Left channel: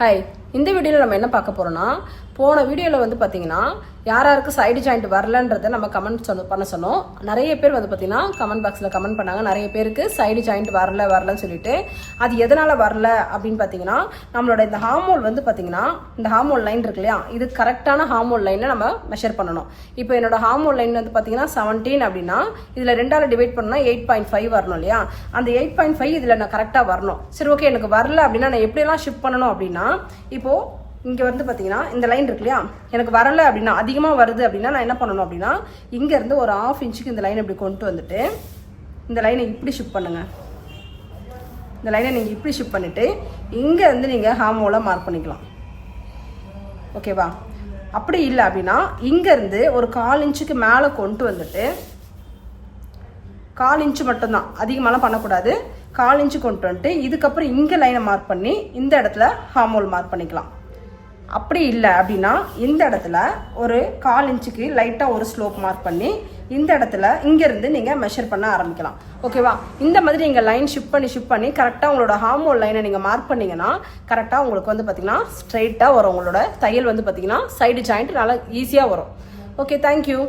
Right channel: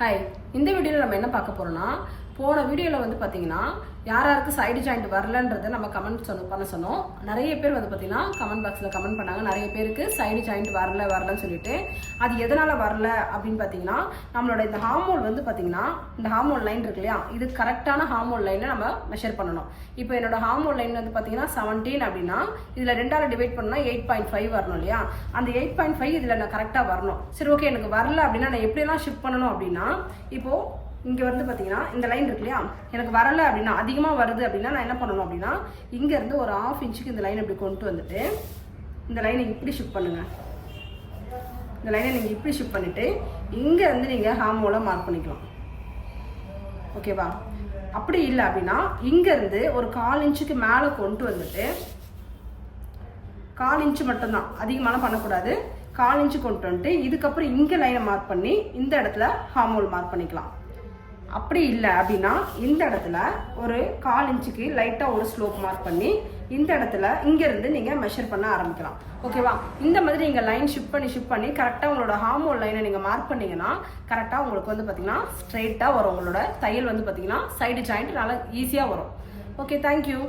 Hi, இந்த வீடியோவில் நம்ம என்ன பார்க்க போகிறோம்னா, போன வீடியோவில் வந்து பார்த்தீங்கன்னா யாராருக்கு சைடு ஜாயிண்ட் வரலன்றதை நம்ம கமெண்ட் பண்ண சொன்னோம். நிறைய பேர் வந்து பார்த்தீங்கன்னா கமெண்ட் பாக்ஸில் கமெண்ட் பண்ணாங்க. நிறைய பேருக்கு சைடு ஜாயிண்ட் வரலன்னு சொல்லிட்டு, அது எதனால் வரல அப்படின்னு பார்த்தீங்கன்னா, நம்மளோட இந்த ஹார்மோல் வந்து பார்த்தீங்கன்னா, இந்த ஹார்மோல் லைன் இருக்கு இல்லையா, இது கரெக்டான ஹார்மோல் லைனை நம்ம மெஷர் பண்ணணும். இப்போ என்னோட ஹார்மோல் லைன் வந்து பார்த்தீங்கன்னா 17 அப்படின்னா, இதில் 2ஆல் டிவைட் பண்ணால் 8.5 வரணும் இல்லையா. அந்த 8.5 இதில் நான் கரெக்டாக வரணும். சரி, ஓகே, எனக்கு வரல அப்படின்னா நான் எப்படியெல்லாம் ஷிஃப்ட் பண்ணணும் அப்படின்னா, இப்போது இங்கே வந்து பார்த்தீங்கன்னா இந்த லைன் இருக்கு இல்லையா, எனக்கு வரலை அப்படின்னா, அதிகமாக வருது அப்படின்னா நான் என்ன பண்ணணும் அப்படின்னா, இங்கேருந்து ஒரு 1/2 இன்ச்சுக்கு இந்த லைனை இப்படி கொண்டு வந்துட்டு, இந்த லைனை இப்படி ஷிஃப்ட் பண்ணுங்கள். இந்த லைனை நீங்கள் இப்படி ஷிஃப்ட் பண்ணிவிட்டு இங்கேருந்து நீங்கள் ஹார்மோலை மார்க் பண்ணிக்கலாம். ஓகேவா? அப்படி இல்லை அப்படின்னா இங்கேருந்து ஒரு 1/4 இன்ச்சுக்கு மேலே கொண்டு வந்துட்டு, 1/4 இன்ச்சு மட்டும்தான், அதிகமாகலாம் பண்ணக்கூடாது. 1/4 இன்ச்சு கொண்டு வந்துட்டு இதுக்கப்புறம் இங்கே லைனை மார்க் பண்ணி இந்த இடத்துல ஹார்மோல் மார்க் பண்ணிக்கலாம். அப்படி இல்லை அப்படின்னா இந்த இடத்துல ஒரு 1/4 இன்ச்சுக்கு லைட்டாக ஒரு ஸ்லோப் மார்க் பண்ணி இந்த இடத்துல இங்கேருந்து நீங்கள் மெஷர் பண்ண ஆரம்பிக்கலாம். ஓகேவா? இந்த மாதிரி நீங்கள் லைன் ஷிஃப்ட் பண்ணி கரெக்டாக உங்களோட ஹார்மோல் லைனை நீங்கள் மார்க் பண்ணிங்கன்னா கரெக்டாக உங்களுக்கு வந்து பார்த்தீங்கன்னா ஸ்ட்ரைட்டாக வரும். உங்களோட தையல் வந்து பார்த்தீங்கன்னா சைடு ஜாயிண்ட் நல்லா ஈஸியாக வரும். Okay, thank you.